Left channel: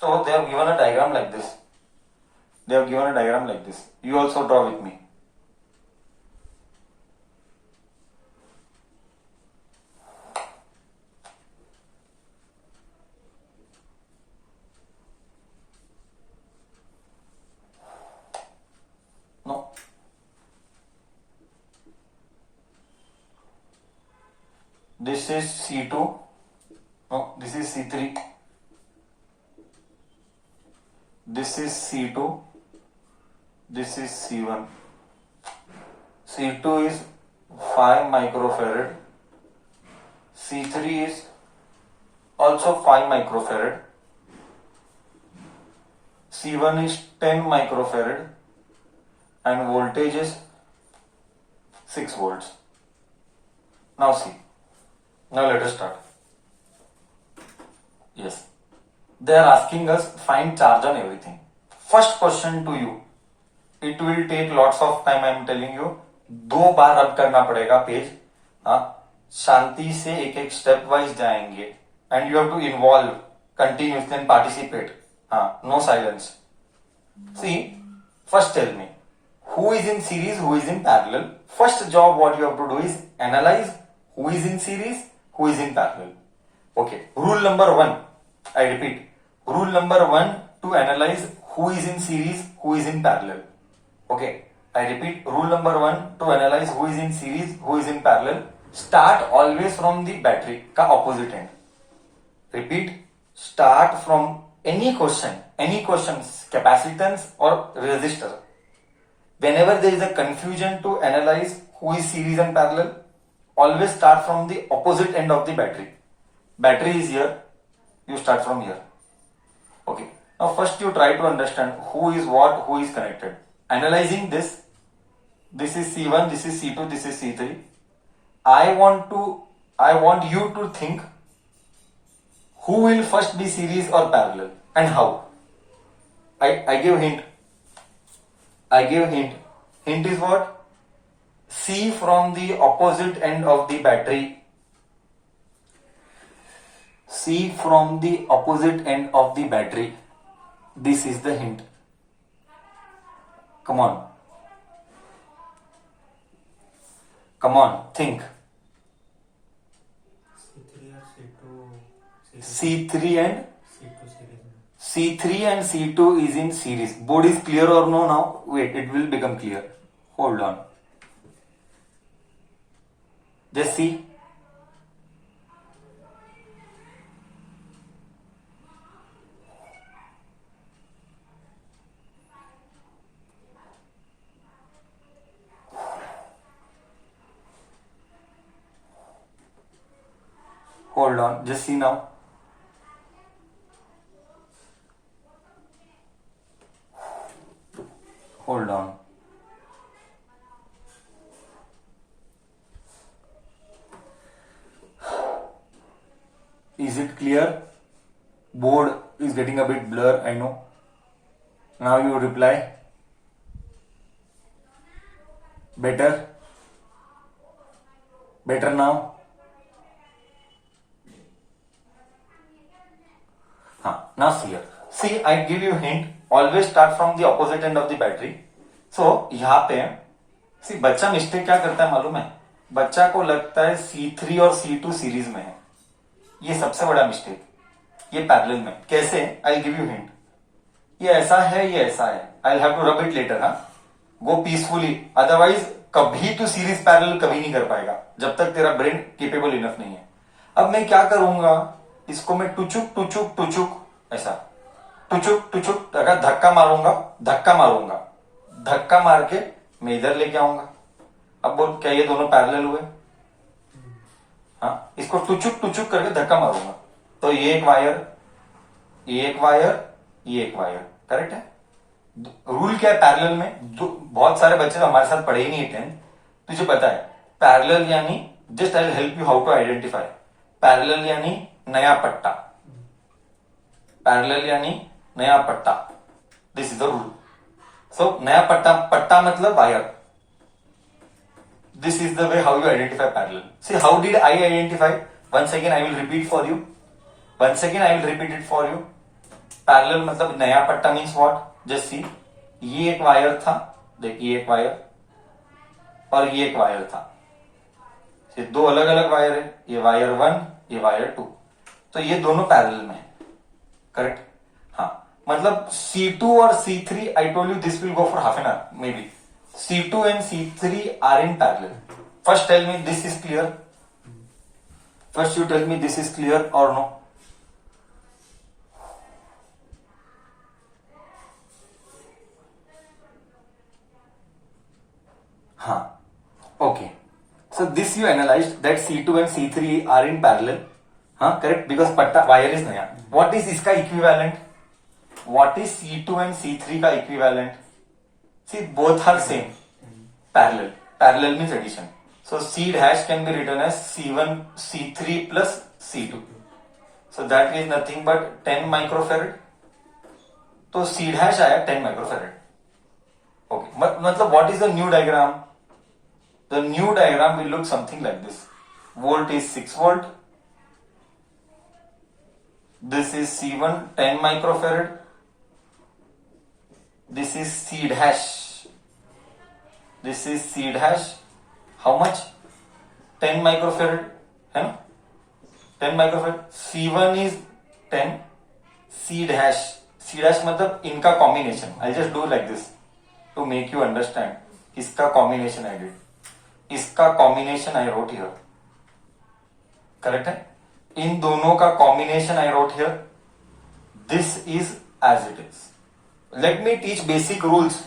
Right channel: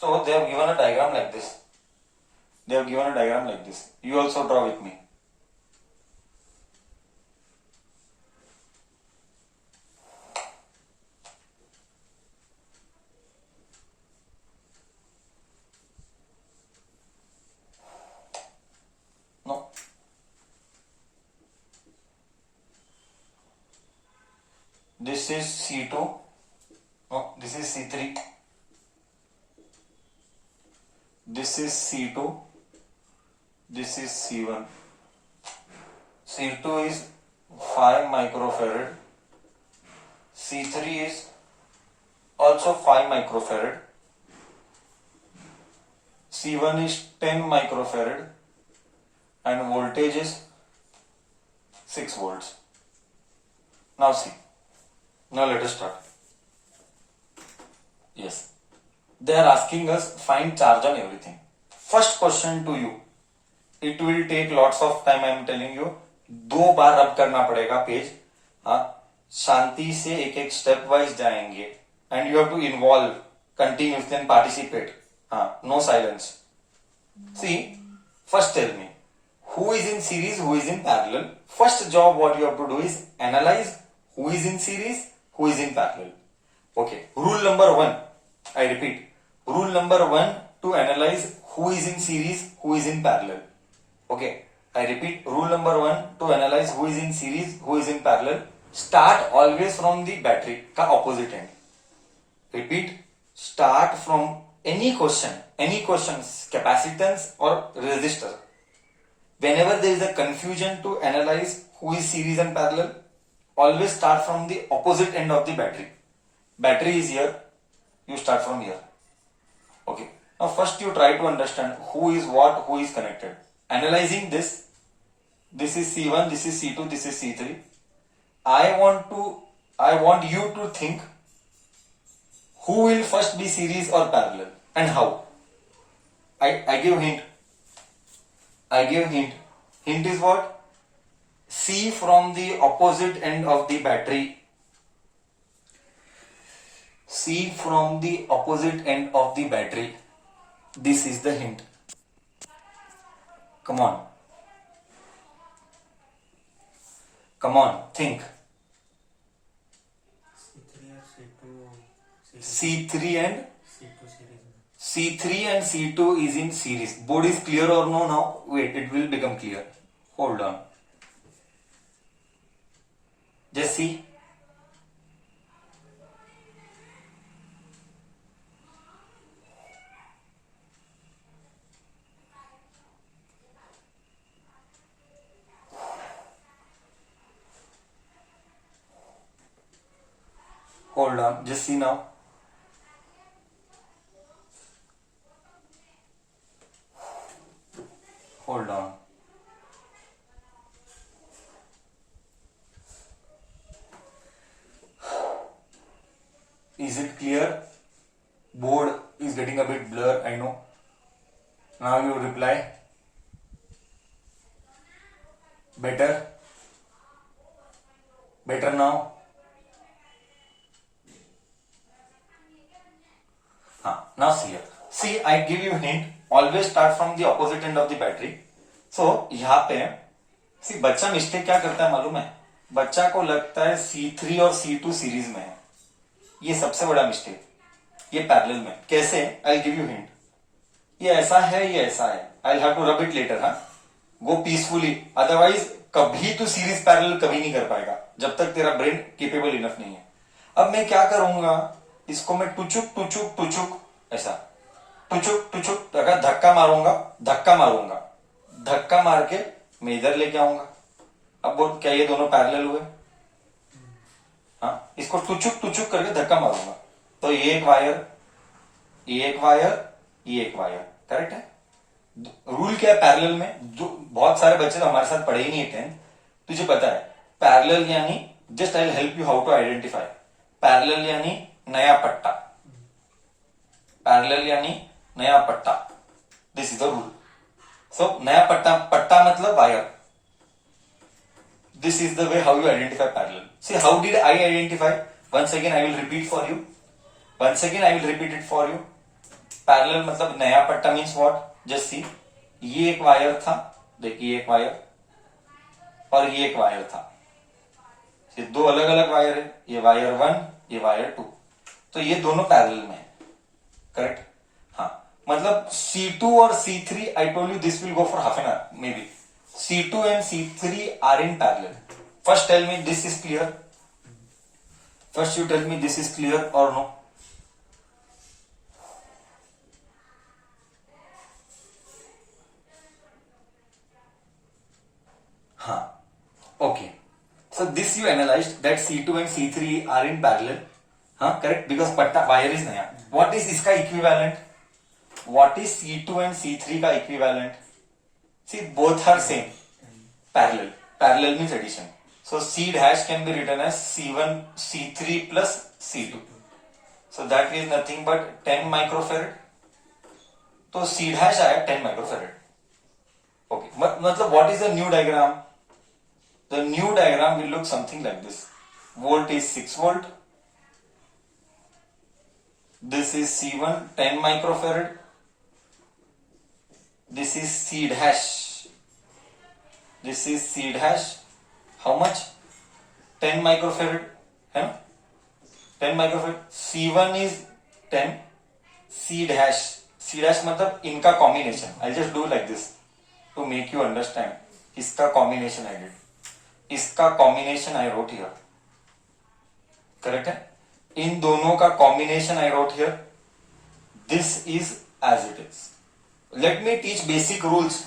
So they have given a diagram like this. They have given a diagram like this. You also draw with me. No. This is C2. No, this is C3. This is C2. This is C1. C2 is 5 microfarad. C3 is also 5 microfarad. C1 is 10 microfarad and voltage is 6 volts. Now see. Now let us start. Yes. They are asking us find charge on everything. First question to you. It will take lots of time, I am telling you. 2 बार रब करना पड़ेगा page. शांति से एक एक step wise जाएंगे. And you have to involve continuously and participate. No silence. See, first tell me, who is in series, who is in parallel? First job what you have to do is analyze who is in series, who is in parallel. Okay. Rule number 1. I repeat. Rule number 1 to analyze who is in series, who is in parallel. Okay. I repeat. Rule number 1 to analyze who is in series, who is in parallel. Start always from the battery का opposite end. Repeat. Start from any questions, capacitance or resistor. Whenever there is a confusion to analyze who is series and parallel, always start from the opposite end of the battery. Battery is here, you start from here. Okay. Now first you try to understand who is what, who is connected. Analyzing this is C1, this is C2, this is C3. I want you to think who will first be series or parallel and how. I give hint. Hint is what? See from the opposite end of the battery. See from the opposite end of the battery. This is the hint. Come on. Think. C3 and C2 is in series. Board is clear or no now? Wait, it will become clear. Hold on. Just see. Hold on. Just see now. Hold on. Is it clear? Board is getting a bit blur, I know. Now you reply. Better? Better now? Now see here. See, I give you a hint. Always start from the opposite end of the battery. So, यहाँ पे see, बच्चा mistake क्या करता है मालूम है? बच्चा को लगता है C3 और C2 सीरीज में है. ये सबसे बड़ा मिस्टेक. ये पैरेलल में. कैसे? I'll give you hint. ये ऐसा है, ये ऐसा है. I'll have to rub it later, Go peacefully. Otherwise, कभी तो सीरीज पैरेलल कभी नहीं कर पाएगा. जब तक तेरा ब्रेन केपेबल इनफ नहीं है. अब मैं क्या करूंगा? इसको मैं टुचुक ऐसा टुचुक धक्का मारूंगा. धक्का मार के मैं इधर लेके आऊंगा. अब बोल क्या ये दोनों पैरेलल हुए? इसको टुचुक करके धक्का मारूंगा. तो ये एक वायर करेक्ट है. रूल क्या है पैरेलल में? बहुत सारे बच्चे तो हमारे साथ पढ़े ही नहीं है 10th. तुझे पता है पैरेलल यानी, just I will help you how to identify. Parallel यानी नया पट्टा. पैरेलल यानी नया पट्टा. This is the rule. So नया पट्टा मतलब wire. This is the way how you identify parallel. See, how did I identify? Once again, I will repeat it for you. Parallel मतलब नया पट्टा मीन्स व्हाट, जस्ट सी, ये एक wire था, देखिए एक वायर और ये एक वायर था, ये दो अलग अलग वायर है, ये वायर 1 ये वायर 2, तो ये दोनों पैरेलल में है, करेक्ट। हाँ, मतलब C2 और C3 I told you this will go for half an hour may be, C2 and C3 are in parallel. First tell me this is clear, first you tell me this is clear और no. हाँ, okay. So this you analyzed that C2 and C3 are in parallel. हाँ, correct, because पट्टा wire is नया. What is इसका equivalent? What is C2 and C3 का equivalent? See, both are same. Parallel. Parallel means addition. So C dash can be written as C1, C3 plus C2. So that is nothing but 10 microfarad. तो C dash आया 10 microfarad. Okay. मतलब what is the new diagram? The new diagram will look something like this. Volt is 6 volt. This is C1 10 microfarad. This is C dash. This is C dash. How much? 10 microfarad. है ना? 10 microfarad. C1 is 10. C dash. C dash मतलब इनका combination. I'll just do like this to make you understand. इसका combination I did. इसका combination I wrote here, correct है, इन दोनों का combination I wrote here, this is as it is. Let me teach basic rules.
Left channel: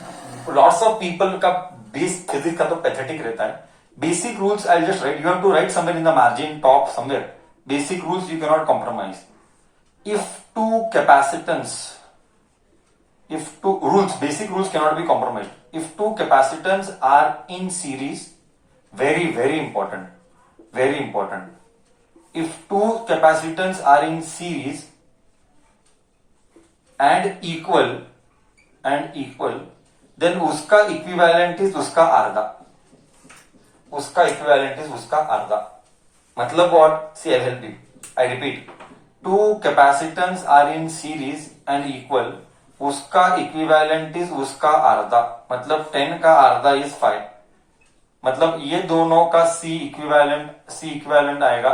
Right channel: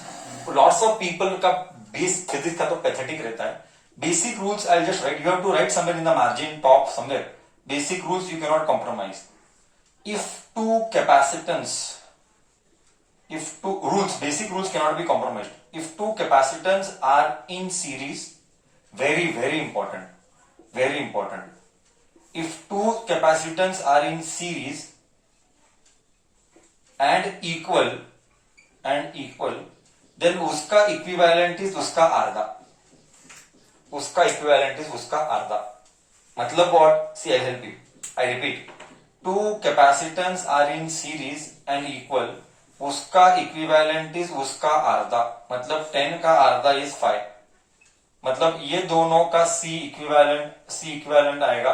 Lots of people का base physics का तो pathetic रहता है, basic rules I just write, you have to write somewhere in the margin top somewhere, basic rules you can not compromise. If two capacitance, if two rules, basic rules cannot be compromised. If two capacitance are in series, very important, very important. If two capacitance are in series and equal, then उसका equivalent is उसका आधा, उसका equivalent is उसका आधा। मतलब what? See, I'll help you. I repeat, two capacitance are in series and equal, उसका equivalent is उसका आधा, मतलब 10 का आधा इज 5, मतलब ये दोनों का सी इक्विवेलेंट आएगा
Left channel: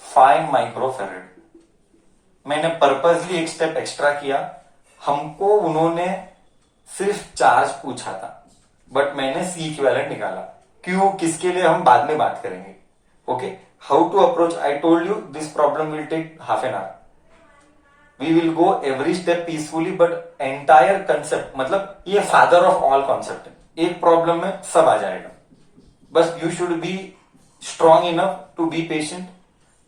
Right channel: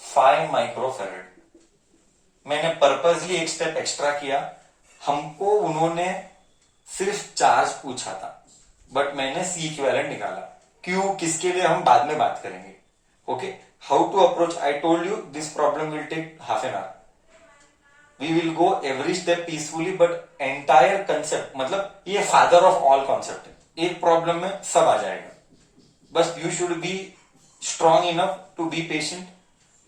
5 माइक्रोफेरेड। मैंने पर्पसली एक स्टेप एक्स्ट्रा किया, हमको उन्होंने सिर्फ चार्ज पूछा था बट मैंने सी इक्विवेलेंट निकाला, क्यों, किसके लिए, हम बाद में बात करेंगे। Okay, how to approach, I told you this problem will take half an hour, we will go every step peacefully, but entire concept मतलब ये फादर ऑफ ऑल कॉन्सेप्ट है, एक प्रॉब्लम में सब आ जाएगा, बस you should be strong enough to be patient,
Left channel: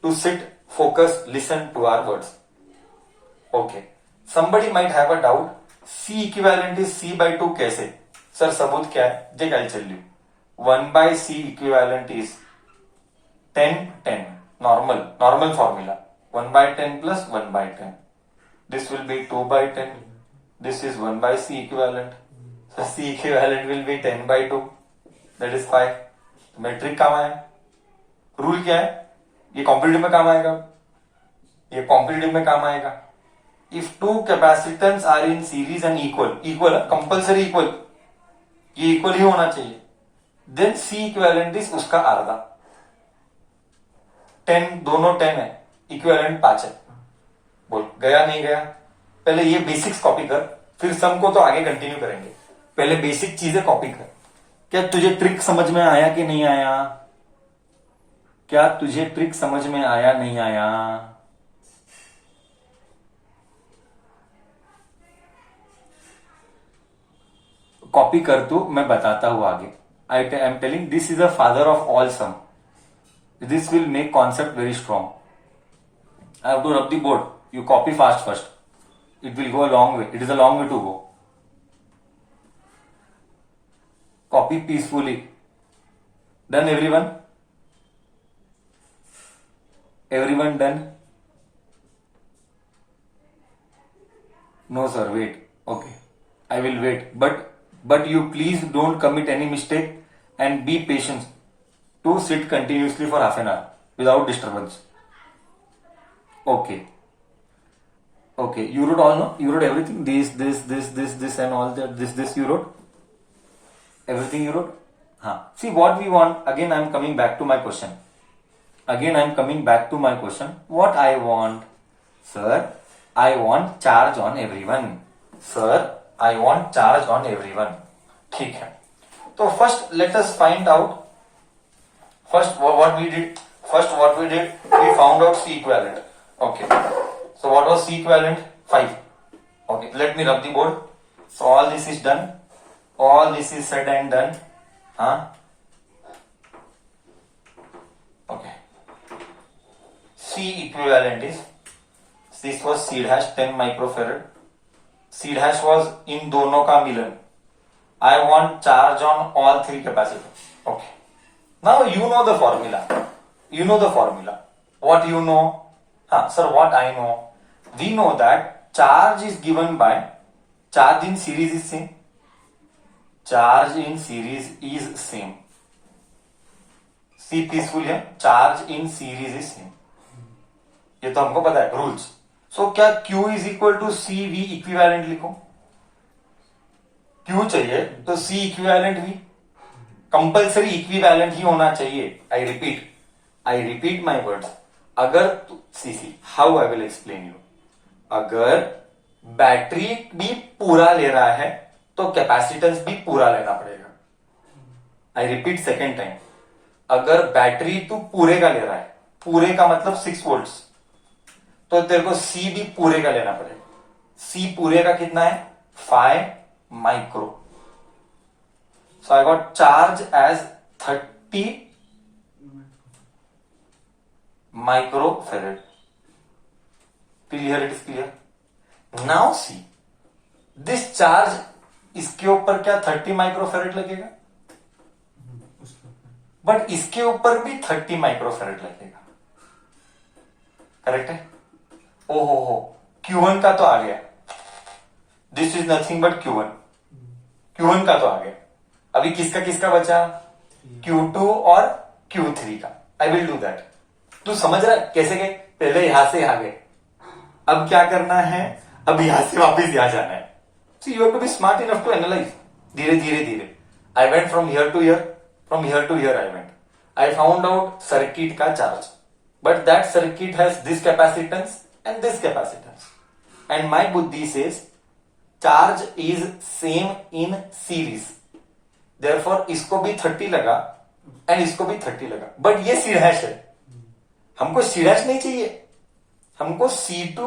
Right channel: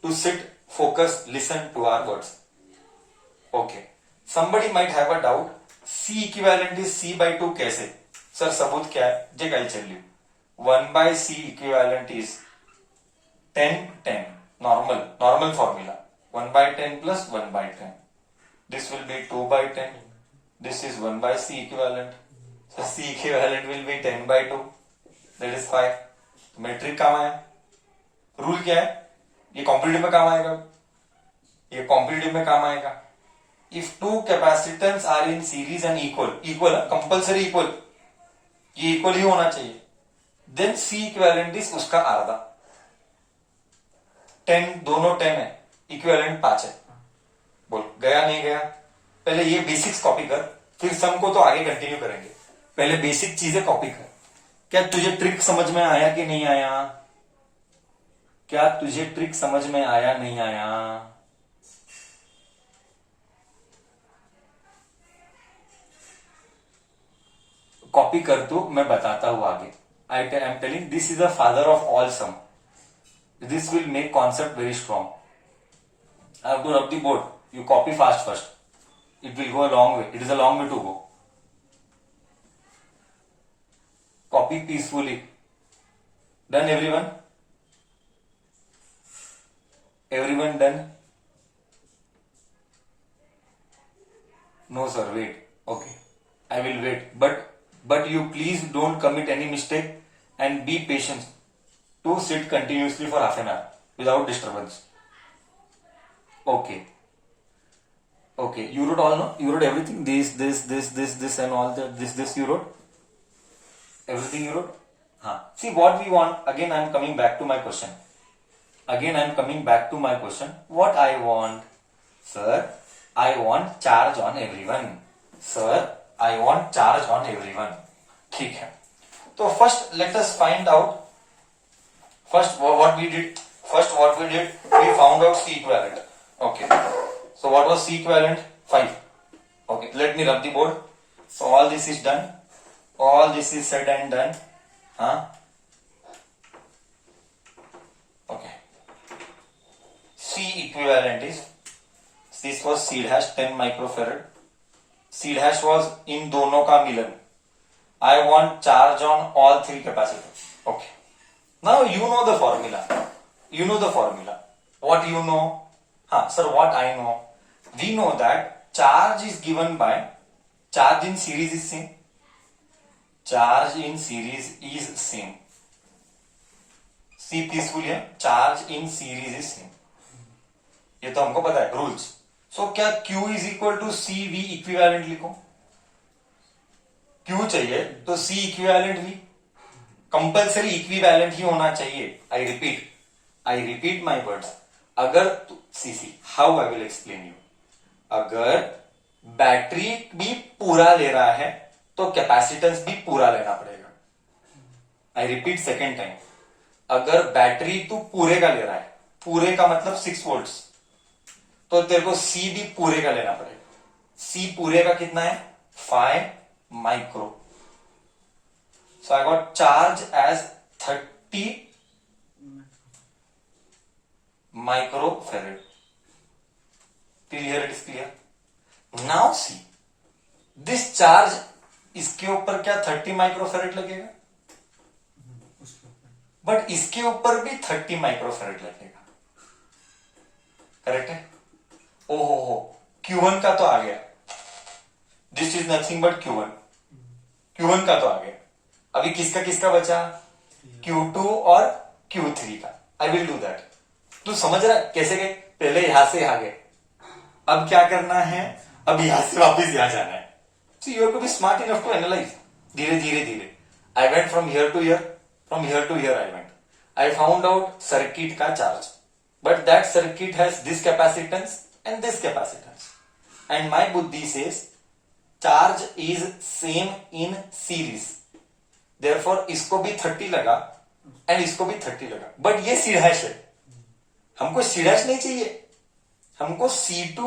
to sit, focus, listen to our words. Okay, somebody might have a doubt, C equivalent is C by 2 कैसे, sir सबूत क्या है, जे I'll tell you, 1 by C equivalent is 10 normal formula, 1 by 10 plus 1 by 10. This will be 2 by 10. This is 1 by C equivalent. So C equivalent will be 10 by 2. That is 5. तो metric काम आया, rule क्या है, ये competitive में काम आएगा, ये कॉम्पिटिटिव में काम आएगा। If two capacitance are in series and equal compulsory equal, ये इक्वल ही होना चाहिए, देन C इक्विवेलेंट इज उसका आधा, 10 दोनों 10 है, इक्विवेलेंट 5 है। बोल गया नहीं गया, पहले ये बेसिक्स कॉपी कर, फिर सम को तो आगे कंटिन्यू करेंगे, पहले बेसिक चीजें कॉपी कर। क्या तुझे ट्रिक समझ में आया कि नहीं आया, क्या तुझे ट्रिक समझ में आया नहीं आया, कॉपी कर तू, मैं बताता हूं आगे। I am telling this is the father of all sum, this will make concept very strong. I have to rub the board, you copy fast first, it will go a long way, it is a long way to go, copy peacefully, done everyone done, no sir wait, okay I will wait, but you please don't commit any mistake and be patient to sit continuously for half an hour without disturbance. Okay, Okay, you wrote all, no? You wrote everything. This, and all that. This you wrote. Everything you wrote. Huh. See what we want. Again, I'm coming back to my question. What I want, sir? I want charge on everyone. Sir, I want charge on everyone. ठीक है. तो first let us find out. First what we did, we found out C equivalent. Okay. So what was C equivalent? 5. Okay. Let me rub the board. So all this is done. All this is said and done. Huh? Okay. C equivalent is, this was C dash 10 microfarad. C dash was in दोनों का मिलन. I want charge on all 3 capacitors. Okay. Now you know the formula. What you know? Sir, what I know? We know that charge is given by, charge in series is same. Charge in series is same. See peaceful here. Charge in series is same. ये तो हमको पता है rules. So क्या Q is equal to C V equivalent लिखो. Q चाहिए तो C equivalent भी कंपल्सरी इक्विवेलेंट ही होना चाहिए. I repeat my words. अगर see how I will explain you. अगर बैटरी भी पूरा ले रहा है तो कैपेसिटेंस भी पूरा लेना पड़ेगा. I repeat second time. अगर बैटरी तू पूरे का ले रहा है, पूरे का मतलब 6 वोल्ट्स, तो तेरे को सी भी पूरे का लेना पड़ेगा. सी पूरे का कितना है? 5 micro. So I got charge as 30 micro farad. Till here it is clear. Now see this charge, इसके ऊपर क्या 30 माइक्रो फेरेड लगेगा, बट इसके ऊपर भी 30 माइक्रो फेरेड लगेगा. करेक्ट है? ओहो हो, Q1 का तो आ गया. This is nothing but Q1 का तो आ गया. अभी किसका बचा? Q2 और Q3 का. I will do that. तू समझ रहा है कैसे गए? पहले यहां से यहां गए, अब क्या करना है? अब यहां से वापस यहां जाना है. So you have to be smart enough to analyse. धीरे. I went from here to here, I went. I found out circuit का charge, but that circuit has this capacitance and this capacitance, and my buddhi says charge is same in series, therefore इसको भी 30 लगा and इसको भी 30 लगा. but ये C dash है, हमको C dash नहीं चाहिए, हमको C2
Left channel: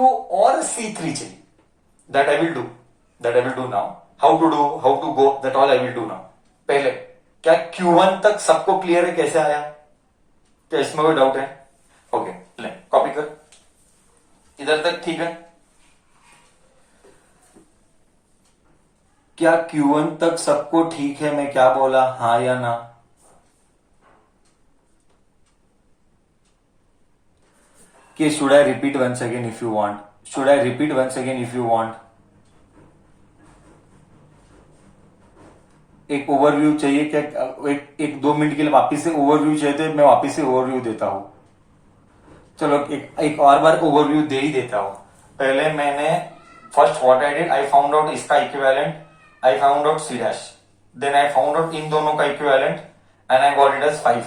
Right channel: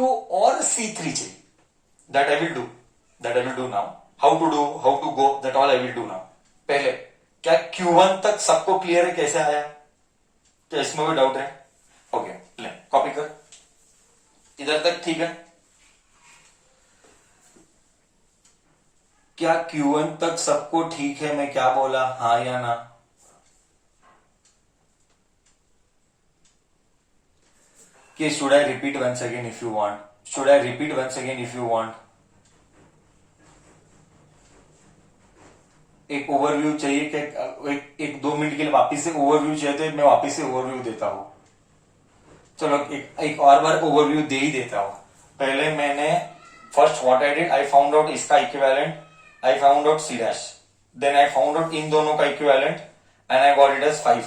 और C3 चाहिए. that I will do now. how to go, that all I will do now. पहले क्या Q1 तक सबको क्लियर है? कैसे आया? क्या इसमें कोई डाउट है? ओके, ले कॉपी कर. इधर तक ठीक है? क्या Q1 तक सबको ठीक है? मैं क्या बोला, हाँ या ना? कि should I repeat once again if you want? एक ओवरव्यू चाहिए क्या? एक 2 मिनट के लिए वापिस से ओवरव्यू चाहिए तो मैं वापिस से ओवरव्यू देता हूं. चलो एक और बार ओवरव्यू दे ही देता हूं. पहले मैंने first what I did, I found out इसका equivalent, I found out C dash, then I found out इन दोनों का equivalent and I got it as 5.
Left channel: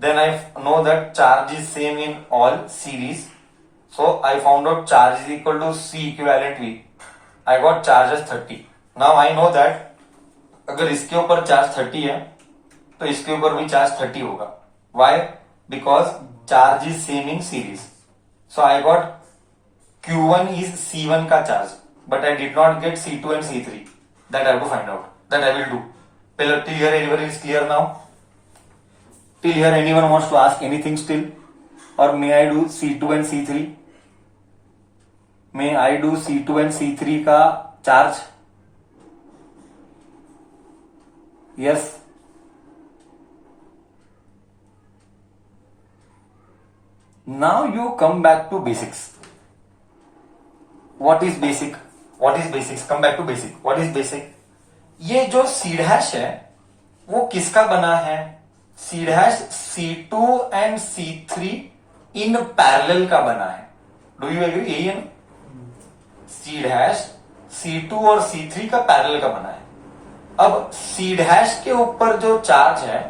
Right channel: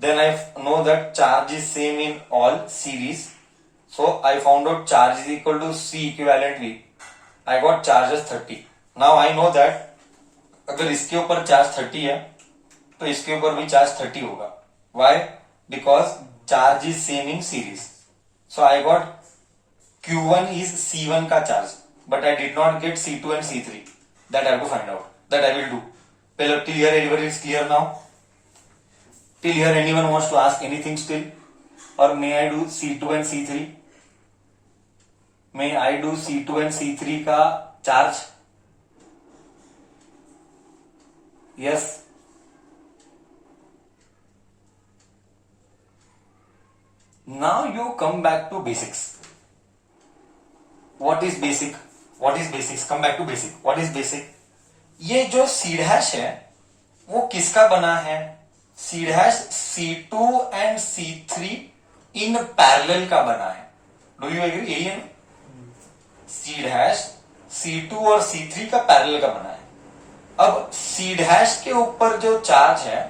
Then I know that charge is same in all series, so I found out charge is equal to C equivalent V. I got charge as 30. Now I know that अगर इसके ऊपर charge 30 है तो इसके ऊपर भी charge 30 होगा. Why? Because charge is same in series. So I got Q1 is C1 का charge, but I did not get C2 and C3. That I have to find out. That I will do. Till here everybody is clear now? Till here anyone wants to ask anything still? Or may I do C2 and C3? May I do C2 and C3 का charge? Yes. Now you come back to basics. What is basic? Come back to basic. What is basic? ये जो C dash है वो किसका बना है? C dash C2 and C3 in parallel का बना है. Do you agree? यही है ना? सी डैश C2 और C3 का पैरेलल का बना है। अब C डैश के ऊपर जो चार्ज है,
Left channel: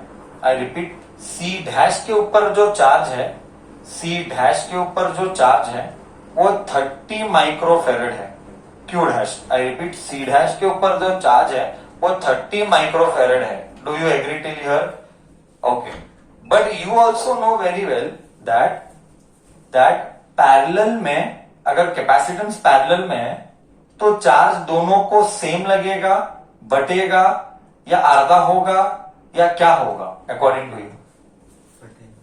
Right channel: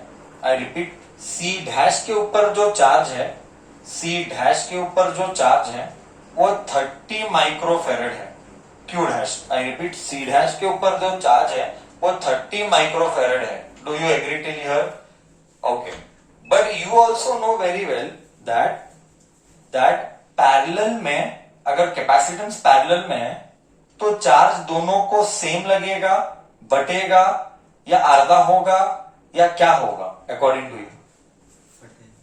आई रिपीट, C डैश के ऊपर जो चार्ज है, C डैश के ऊपर जो चार्ज है वो 30 माइक्रोफेरेड है। Q dash, I repeat, C dash के ऊपर जो चार्ज है वो 30 माइक्रोफेरेड है। Do you agree till here? Okay, but you also know very well that parallel में, अगर कैपेसिटेंस पैरेलल में है तो चार्ज दोनों को सेम लगेगा, बटेगा, या आधा होगा, या क्या होगा अकॉर्डिंग टू यू?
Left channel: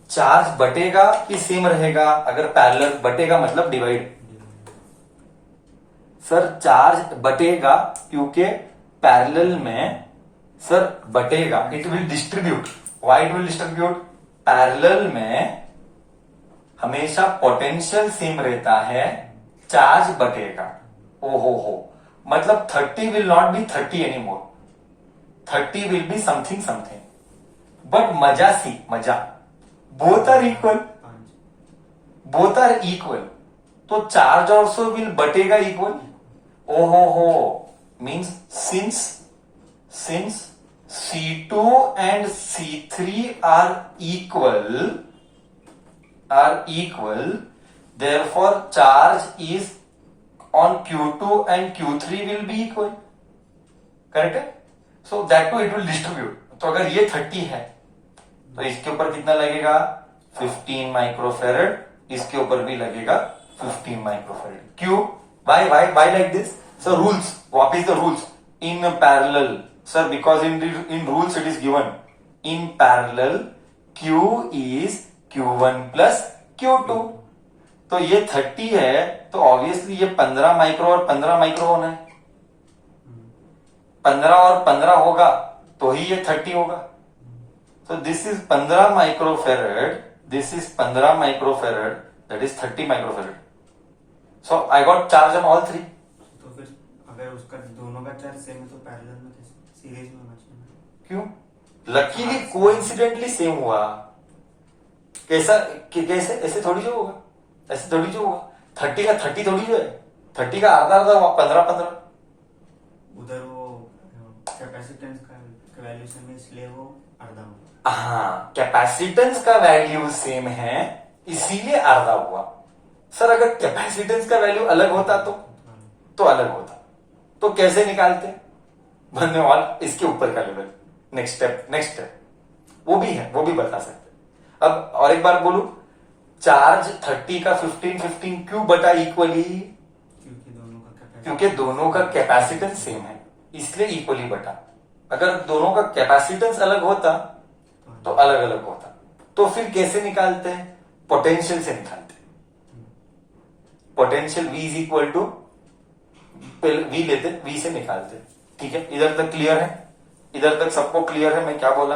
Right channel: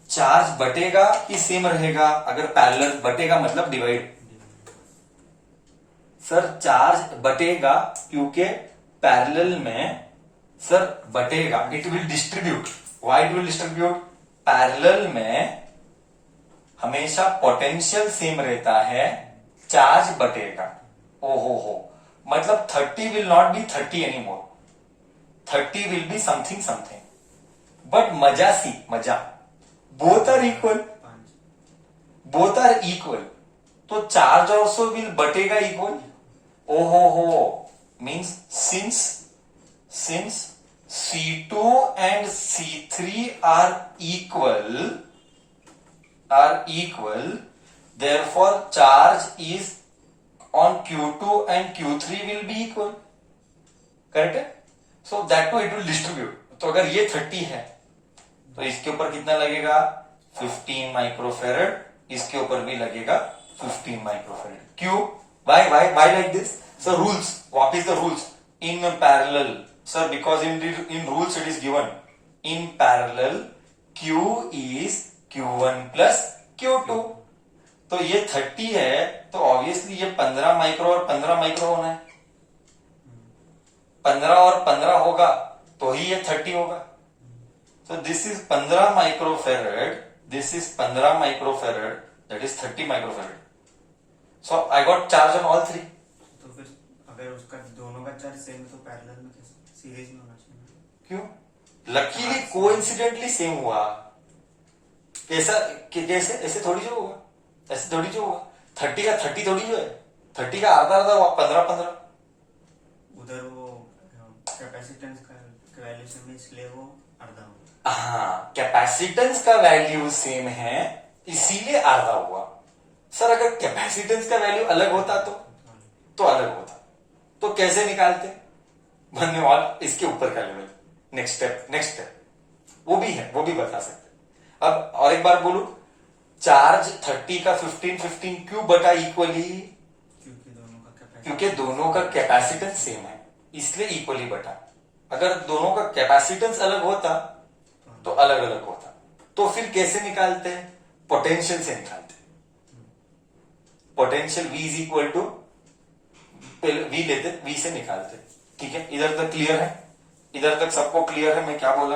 चार्ज बटेगा कि सेम रहेगा? अगर पैरेलल, बटेगा मतलब डिवाइड। सर चार्ज बटेगा क्योंकि पैरेलल में सर बटेगा, it will distribute. Why it will distribute? Parallel में हमेशा पोटेंशियल सेम रहता है, चार्ज बटेगा। ओहो हो, मतलब 30 will not be 30 any more, 30 will be something something. But मजा सी, मजा, both are equal, both are equal, तो चार्ज ऑल्सो विल बटेगा इक्वल। ओहो हो, means since C2 and C3 are equal, therefore charge is on Q2 and Q3 will be equal, correct है? So that too it will distribute. तो अगर ये 30 है तो इसके ऊपर कितना लगेगा? 15 माइक्रोफेरेड, इसके ऊपर भी लगेगा 15 माइक्रोफेरेड। क्यों? Why like this? Sir rules, what is the rules in parallel? Sir because in rules it is given in parallel Q is Q1 plus Q2। तो ये 30 है तो ऑब्वियसली ये 15 माइक्रो और 15 माइक्रो होना है। 15 और 15 होगा तो ही ये 30 होगा। So this is 15 microfarad, this is 15 microfarad, that is 30 microfarad. So I got charge on all three. तो फिर अगर उसका दोनों का चार्ज सेम है तो पैरेलल में सीरीज में होना चाहिए। क्यों? लकीली कोइंसिडेंटली सेम हुआ। कैसा कैसे? ऐसे थोड़ी जो होगा, ऐसे थोड़ी जो होगा। 30 का 30 थोड़ी जो है, 30 का आधा आधा हुआ 15-15। उधर वो कैपेसिटेंस का वैल्यू सेम है इसलिए वो आधा हुआ। हाँ, कैपेसिटेंस का वैल्यू सेम है इसीलिए आधा हुआ। सर अगर कैपेसिटेंस का वैल्यू अलग होता तो अलग होता, तो कैसे निकालते? बनने वाला इसके ऊपर का लेवल, नेक्स्ट स्टेप वो भी है, वो भी बता सकते। अब और एक बार बोलू, चार्ज 30 का 15 क्यों बटा इक्वली? क्योंकि दोनों का कैपेसिटेंस सेम है इसलिए इक्वली बटा। अगर दोनों का कैपेसिटेंस अलग होता तो अलग अलग होता। तो फिर कैसे निकालते हैं? पोटेंशियल से निकालते हैं। Potential V is equal to, V लेते, V से निकालते। ठीक है, इधर तक क्लियर है? इधर तक सबको क्लियर है मैं क्या बोला?